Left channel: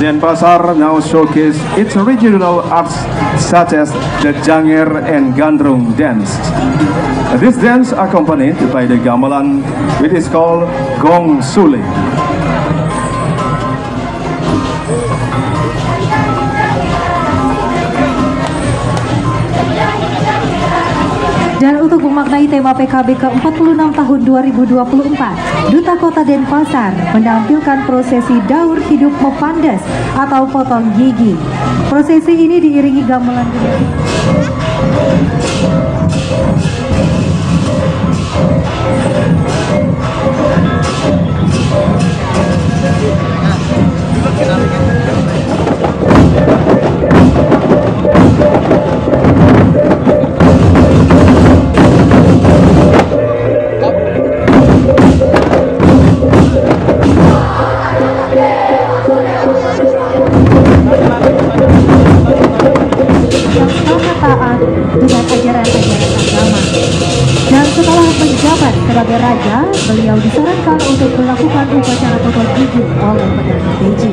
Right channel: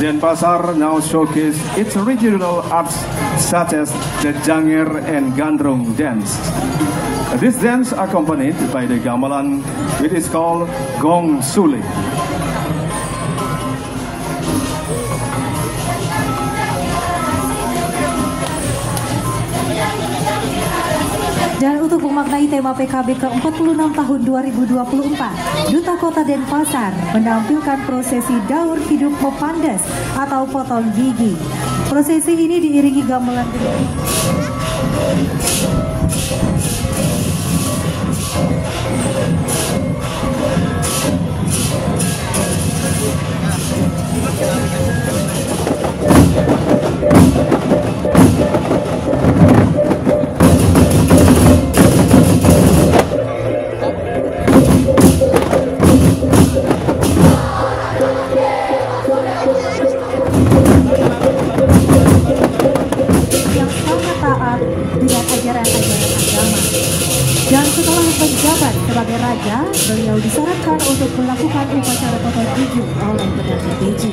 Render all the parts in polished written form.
Denpasar now showcase its regional arts such as the Janger and Gandrung dance. This dance accompanied by the gamelan, which is called Gong Suling. Dan untuk memaknai tema PKB ke-46 tahun 2024, Duta Kota Denpasar menampilkan prosesi daur hidup mepandas atau potong gigi. Prosesi ini diiringi gamelan. Dengan ajaran-ajaran agama. Dan setelah menjabat sebagai raja, beliau disarankan untuk melakukan upacara potong gigi oleh Perdana Beji.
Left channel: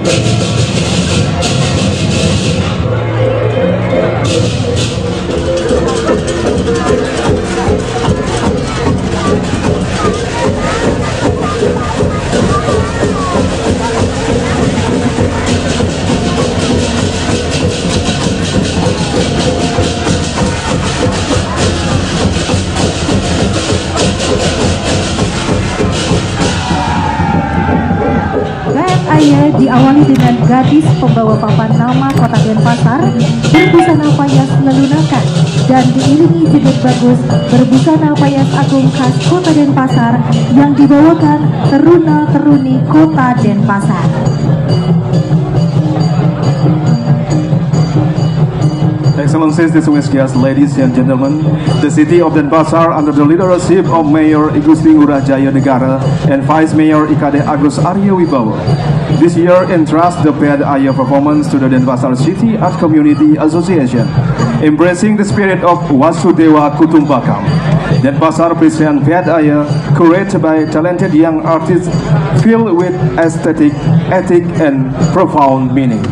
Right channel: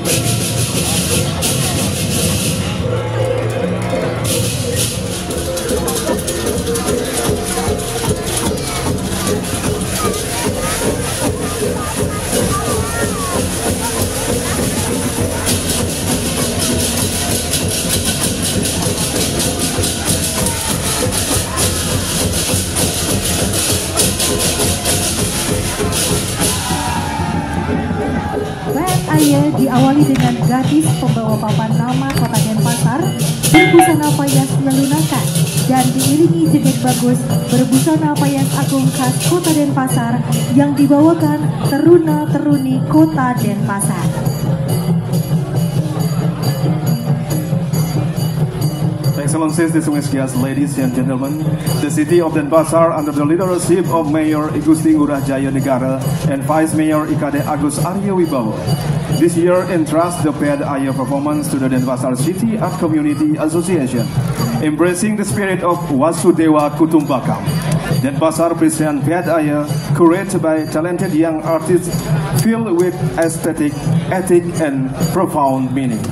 Ayah diawali dengan gadis pembawa papan nama Kota Denpasar berbusana payas melunakan dan diiringi jejet bagus berbusana payas agung khas Kota Denpasar yang dibawakan teruna-teruni Kota Denpasar. Excellencies, distinguished guests, ladies and gentlemen, the city of Denpasar under the leadership of Mayor Igusti Ngurah Jaya Negara and Vice Mayor Ikade Agus Arya Wibowo this year entrusts the Ped Ayah performance to the Denpasar City Art Community Association, embracing the spirit of Wasudewa Kutumbakam. Denpasar presents Ped Ayah, curated by talented young artists filled with aesthetic, ethic, and profound meaning.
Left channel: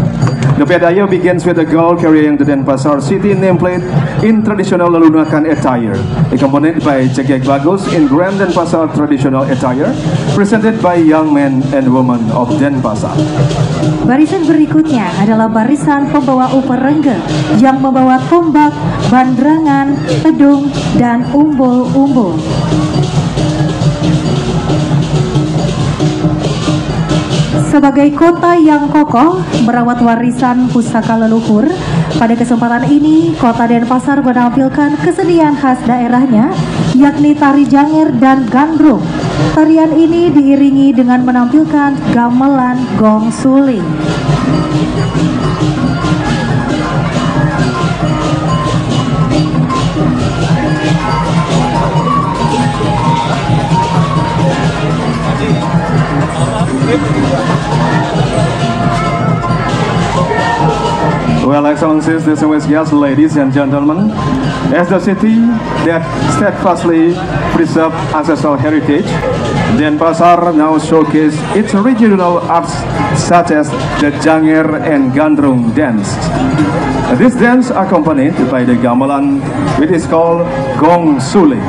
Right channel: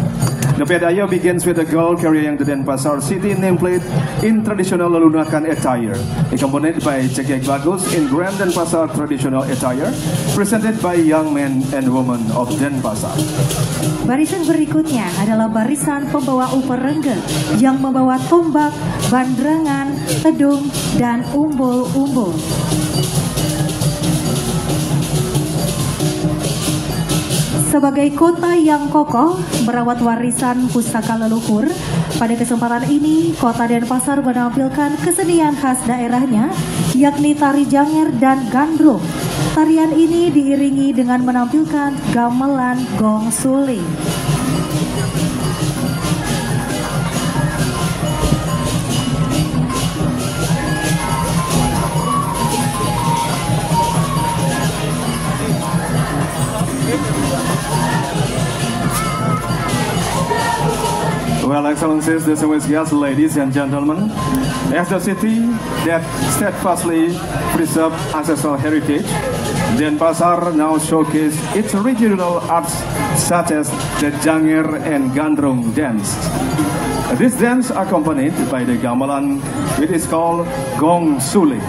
The Ped Ayah begins with a girl carrying the Denpasar City nameplate in traditional Lelunakan attire, accompanied by Cekek Bagus in Grand Denpasar traditional attire, presented by young men and women of Denpasar. Barisan berikutnya adalah barisan pembawa uperengge yang membawa tombak, bandrangan, tedung, dan umbul-umbul. Sebagai kota yang kokoh merawat warisan pusaka leluhur, pada kesempatan ini Kota Denpasar menampilkan kesenian khas daerahnya, yakni tari Janger dan Gandrung. Tarian ini diiringi dengan menampilkan gamelan Gong Suling. Well, Excellencies, distinguished guests, ladies and gentlemen, as the city that steadfastly preserves ancestral heritage, Denpasar now showcase its regional arts such as the Janger and Gandrung dance. This dance accompanied by the gamelan, which is called Gong Suling.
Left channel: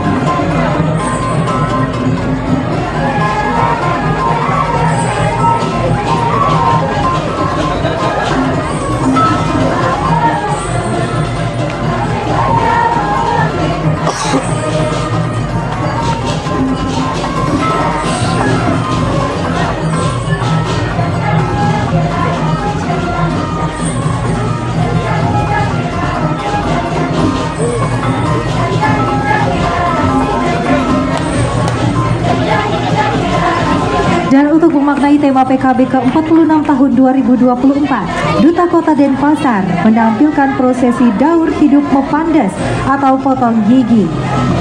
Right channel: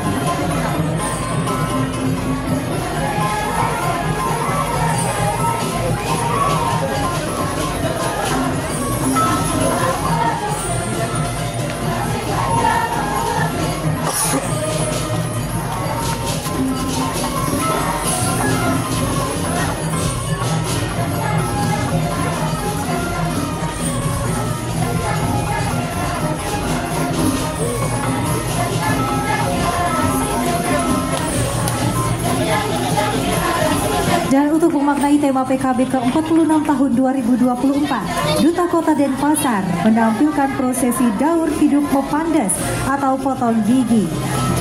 Dan untuk memaknai tema PKB ke-46 tahun 2024, Duta Kota Denpasar menampilkan prosesi daur hidup mepandas atau potong gigi.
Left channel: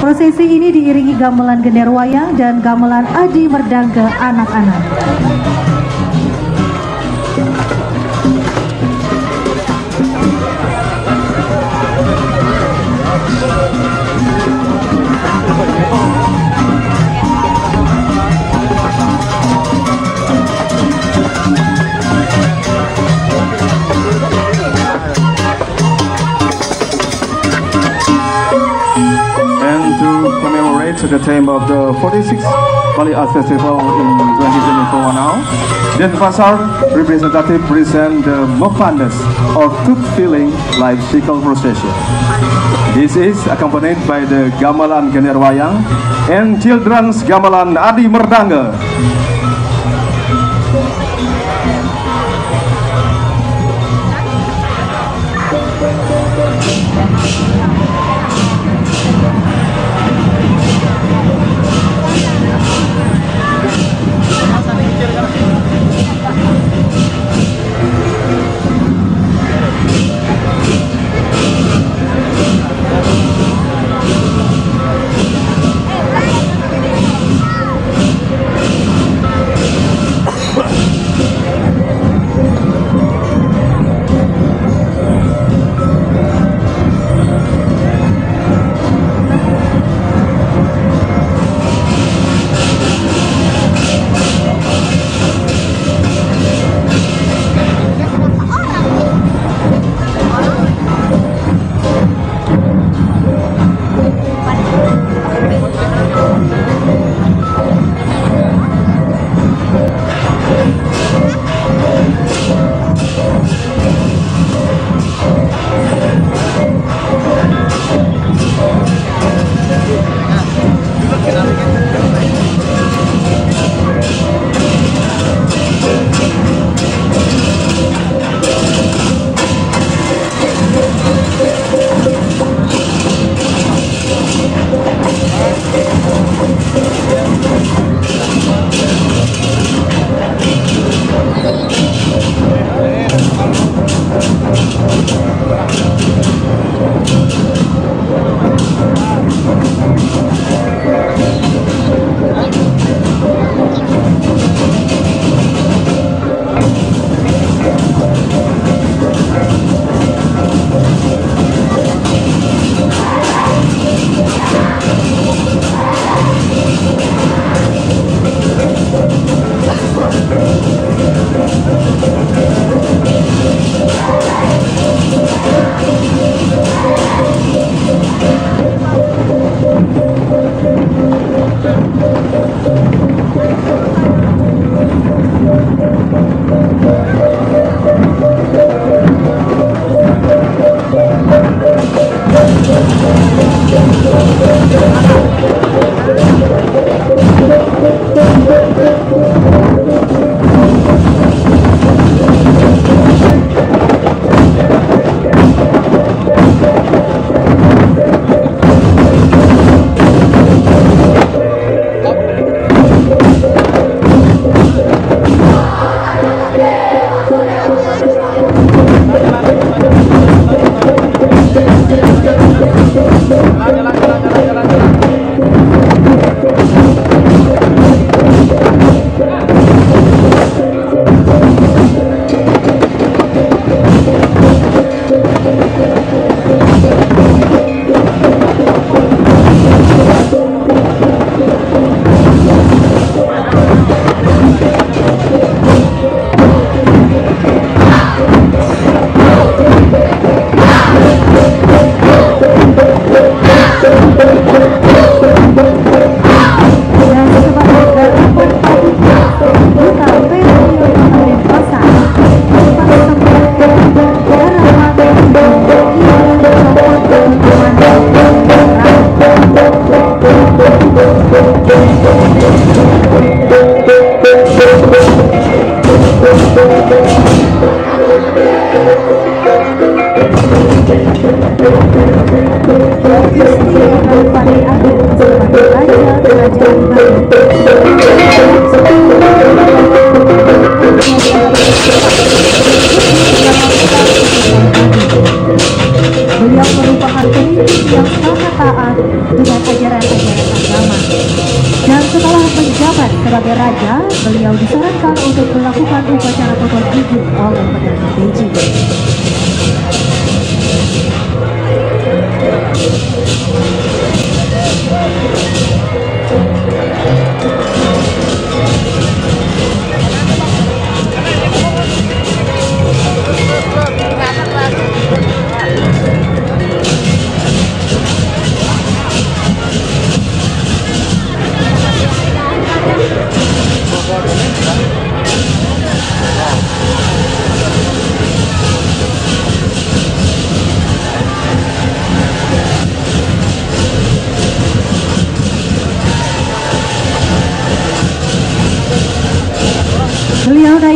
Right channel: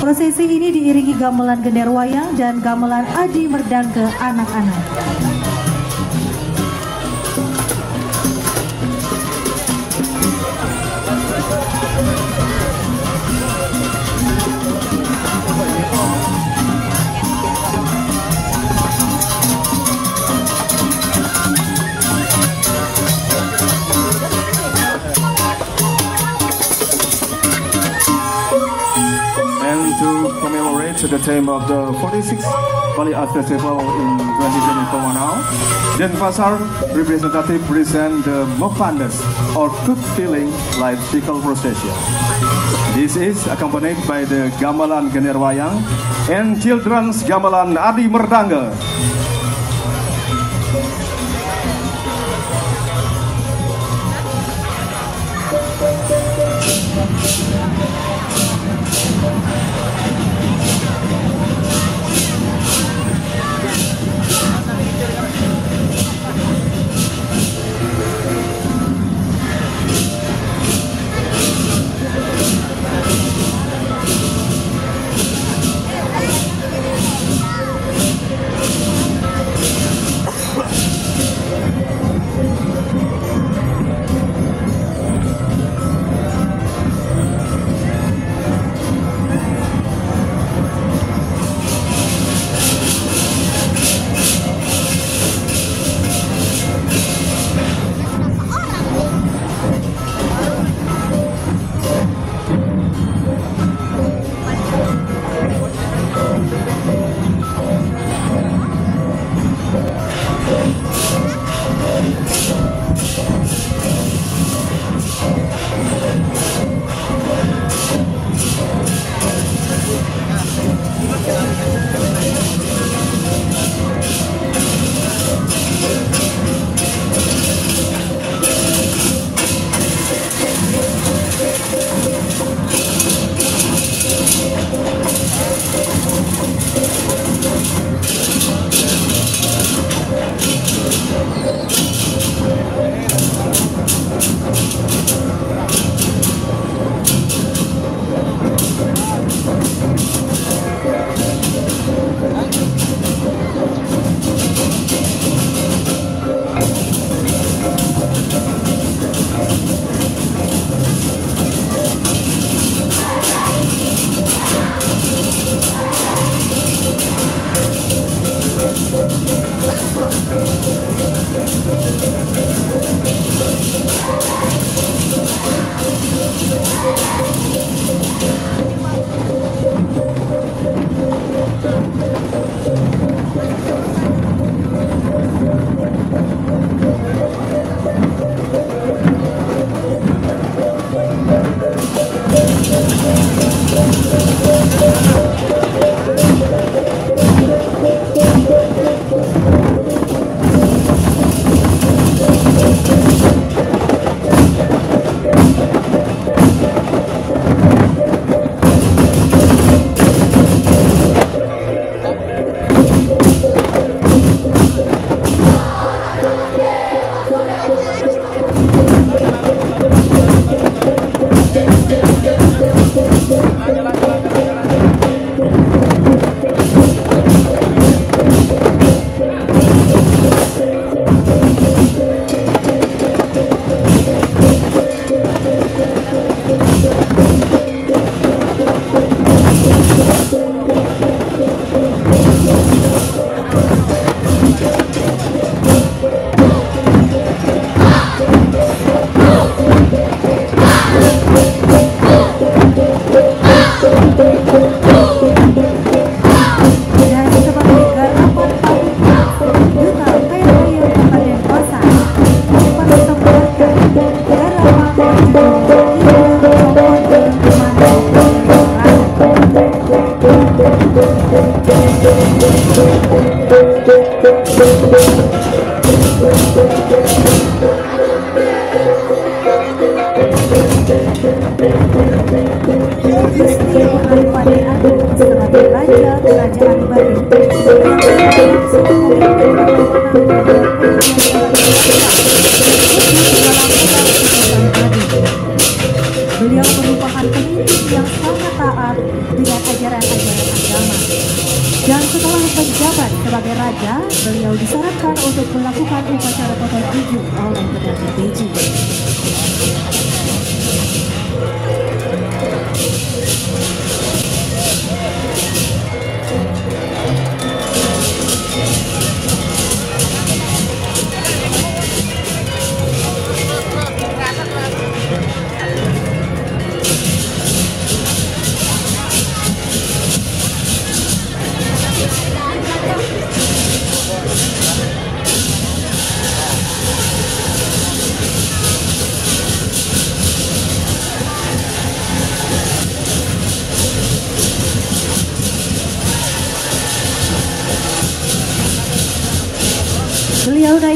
Prosesi ini diiringi gamelan Genderwayang dan gamelan Adi Merdangke anak-anak. second time of the 46th Bali Arts Festival in 2024 now. Denpasar representative present the Mopandas or Tooth Filling Life Cycle Procession. This is accompanied by the Gamelan Generwayang and Children's Gamelan Adi Merdanga.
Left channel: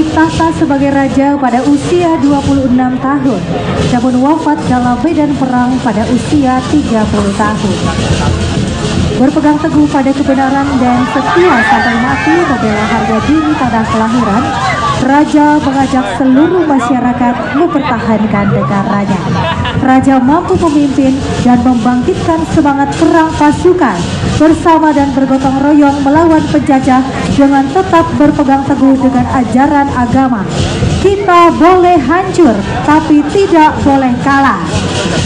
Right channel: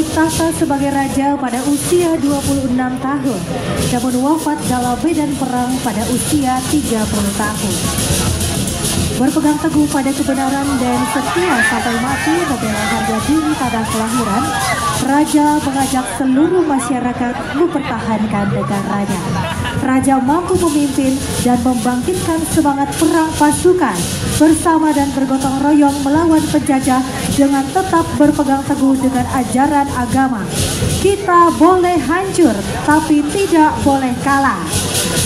naik tahta sebagai raja pada usia 26 tahun, namun wafat dalam medan perang pada usia 30 tahun. Berpegang teguh pada kebenaran dan setia sampai mati membela harga diri tanah kelahiran, Raja mengajak seluruh masyarakat mempertahankan negaranya. Raja mampu memimpin dan membangkitkan semangat perang pasukan bersama dan bergotong royong melawan penjajah dengan tetap berpegang teguh dengan ajaran agama. Kita boleh hancur, tapi tidak boleh kalah.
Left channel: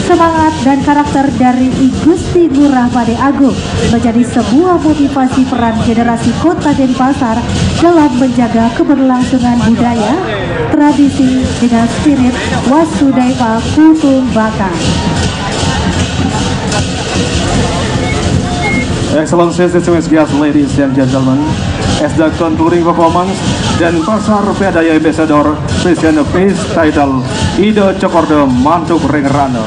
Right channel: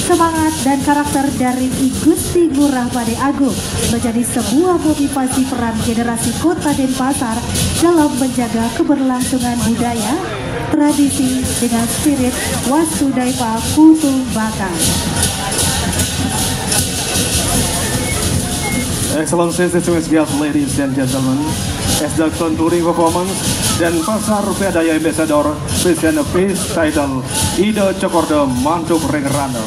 Semangat dan karakter dari I Gusti Ngurah Pade Agung menjadi sebuah motivasi peran generasi Kota Denpasar dalam menjaga keberlangsungan budaya, tradisi dengan spirit Wasudaipa Kutumbaka. Excellencies, distinguished guests, ladies and gentlemen, as the concluding performance, Denpasar Pedaya Ambassador present a peace title Ida Cokorda Mantuk Rengrana.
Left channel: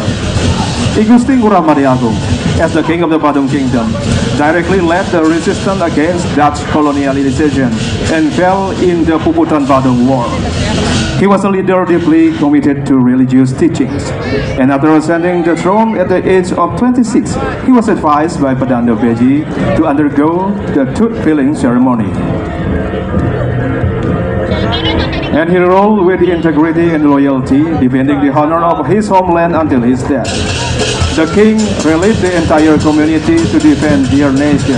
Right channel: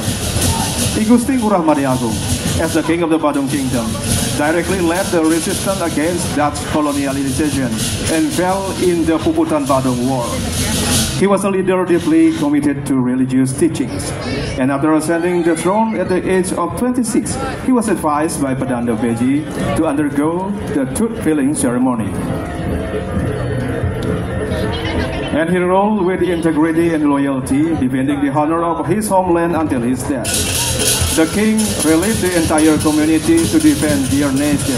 I Gusti Ngurah Pade Agung, as the king of the Badung Kingdom, directly led the resistance against Dutch colonialization and fell in the Puputan Badung War. He was a leader deeply committed to religious teachings, and after ascending the throne at the age of 26, he was advised by Padanda Beji to undergo the tooth-filling ceremony. And he ruled with integrity and loyalty, defending the honor of his homeland until his death. The king rallied the entire community to defend their nation.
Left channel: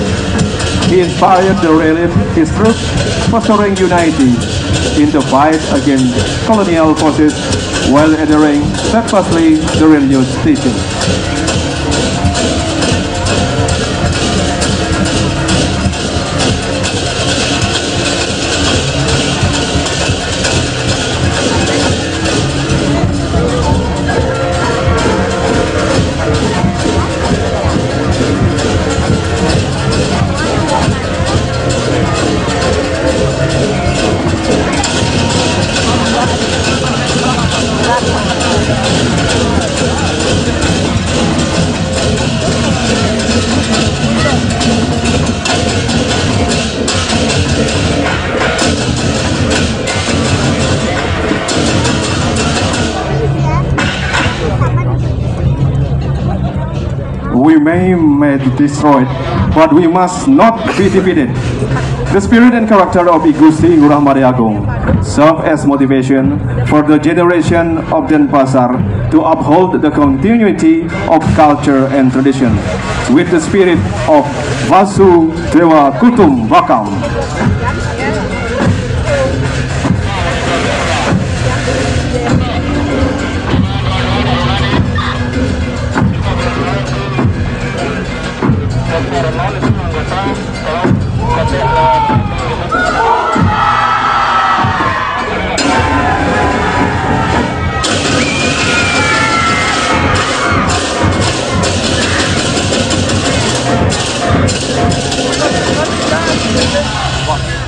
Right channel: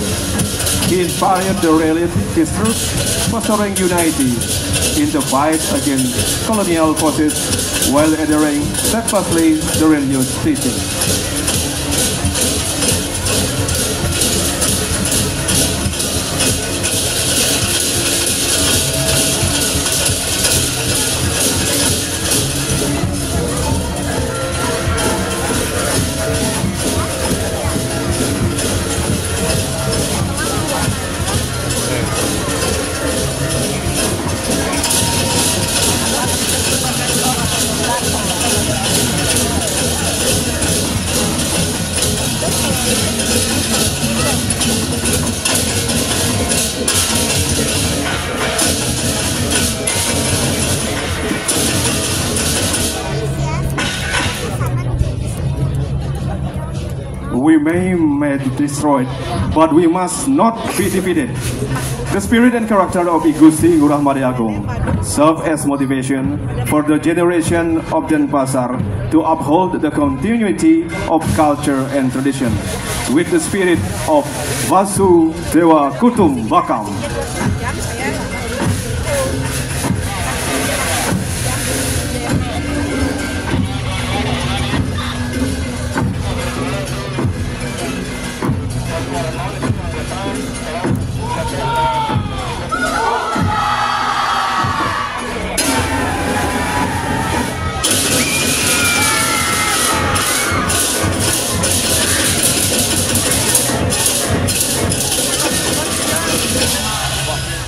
He inspired the relief his troops, fostering unity in the fight against colonial forces while adhering steadfastly to religious teaching. We may be destroyed, but we must not be defeated. The spirit and character of I Gusti Ngurah Pade Agung serve as motivation for the generation of Denpasar to uphold the continuity of culture and tradition with the spirit of Vasudaipa Kutumbaka. One.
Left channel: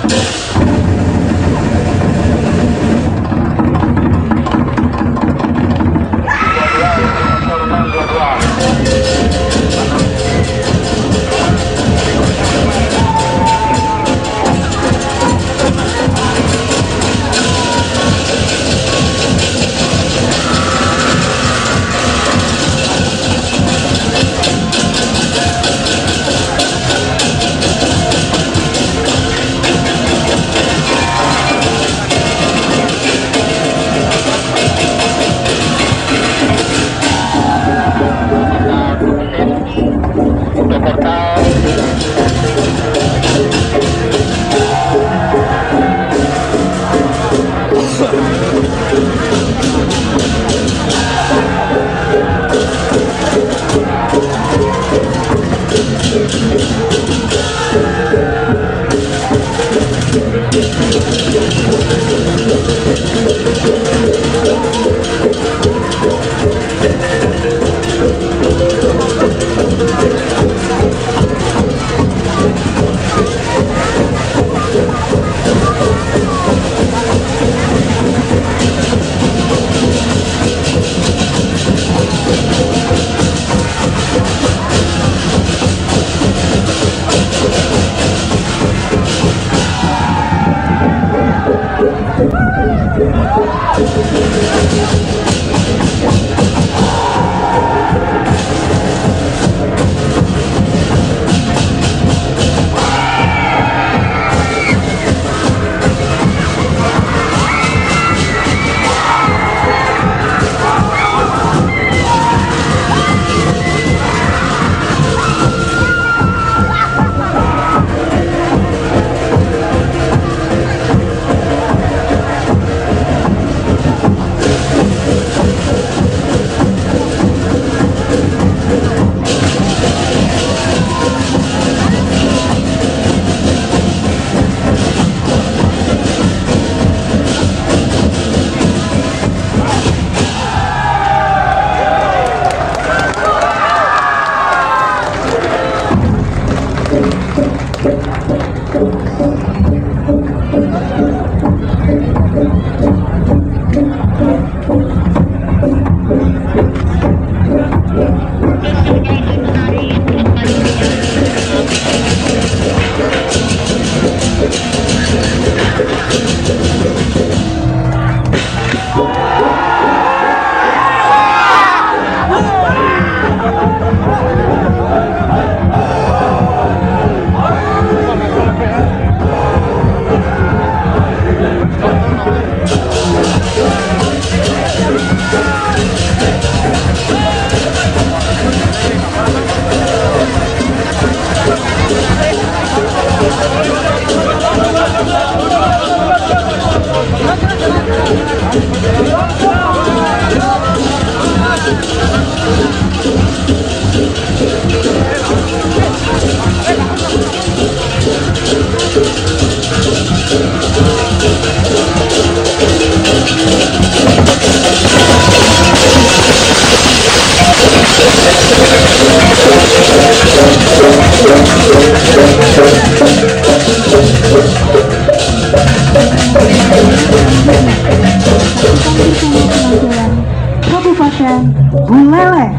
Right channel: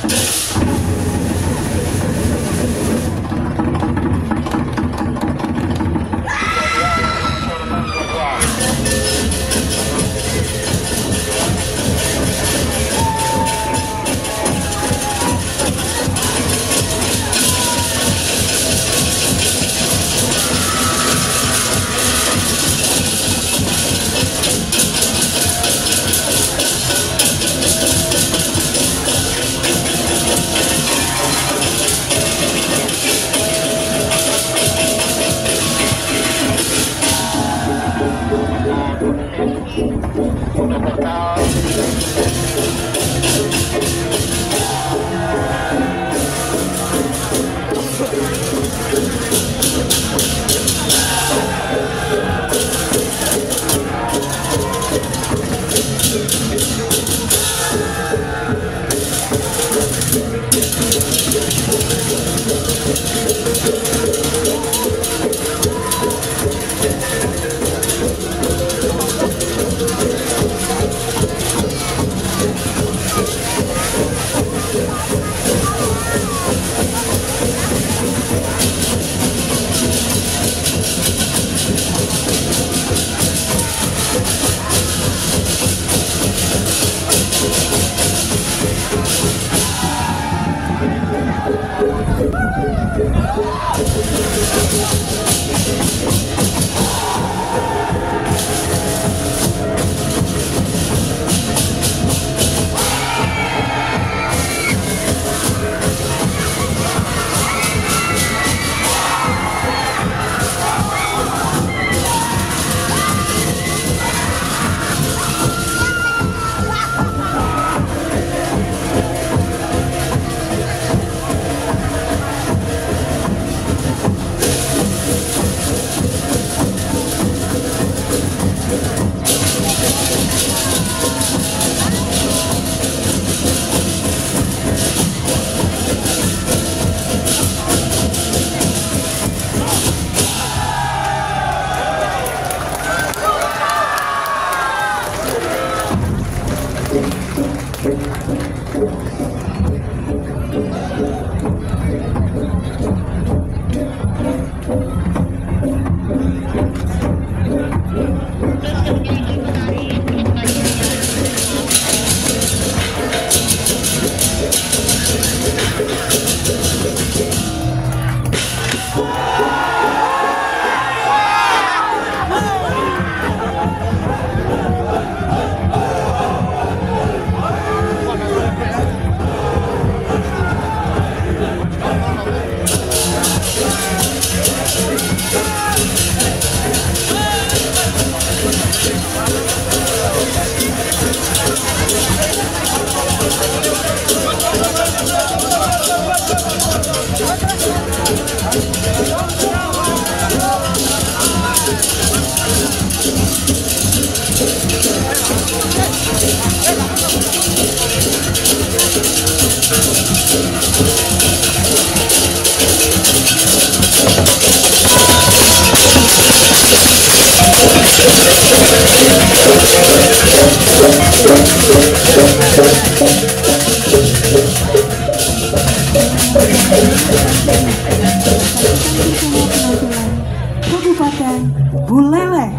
Kabupaten Buleleng.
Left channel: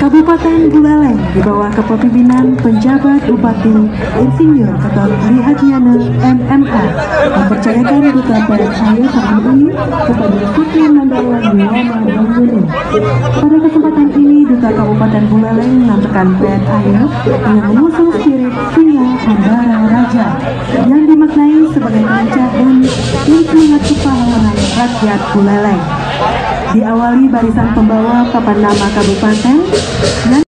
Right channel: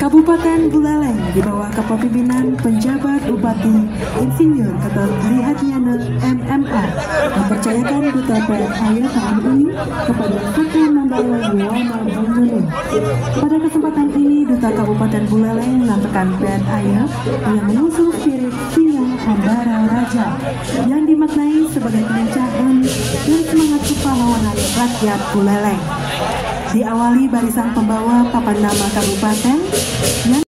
Kabupaten Buleleng di bawah kepemimpinan penjabat Bupati Insinyur Ketut Lihatnyana MMA mempercayakan duta PNAY tahun ini kepada Suku Mandawan Muhammad Banguni. Pada kesempatan ini duta Kabupaten Buleleng menyampaikan PNAY yang mengusung spirit Singa Hambara Raja yang dimaknai sebagai kelincahan dan semangat kepahlawanan rakyat Buleleng. Diawali barisan pembawa papan nama kabupaten